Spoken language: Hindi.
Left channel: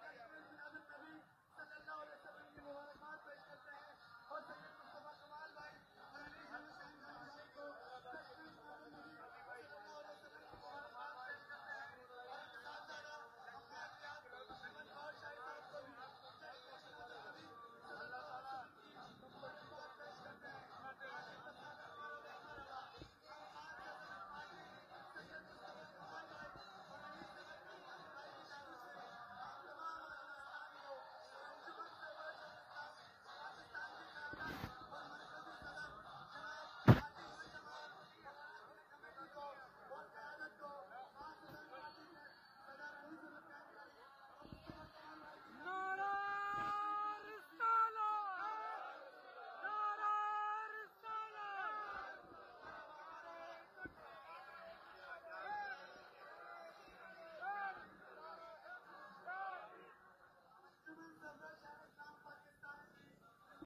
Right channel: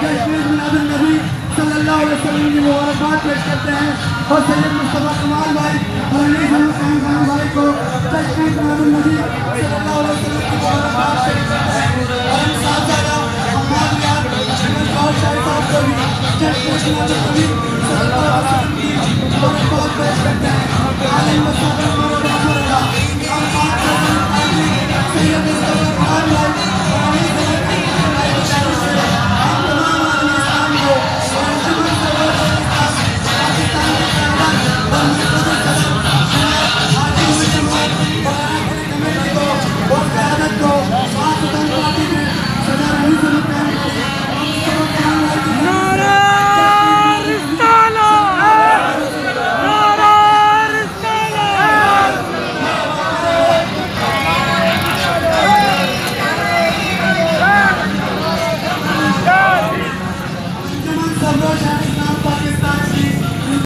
जश्न मिलादुन्नबी सल्लल्लाहु अलैहि वसल्लम की मुबारकबाद पेश करते हैं और सैयद मुस्तफा कमाल भाई और अली खान भाई को जश्न मिलादुन्नबी सल्लल्लाहु अलैहि वसल्लम की मुबारकबाद पेश करते हैं और इन साहबजादा अहमद यार और शाहिद साहब को भी जश्न मिलादुन्नबी सल्लल्लाहु अलैहि वसल्लम की मुबारकबाद पेश करते हैं। आलिम मसाद मुबारकबाद सैयद मुस्तफा कमाल भाई और अली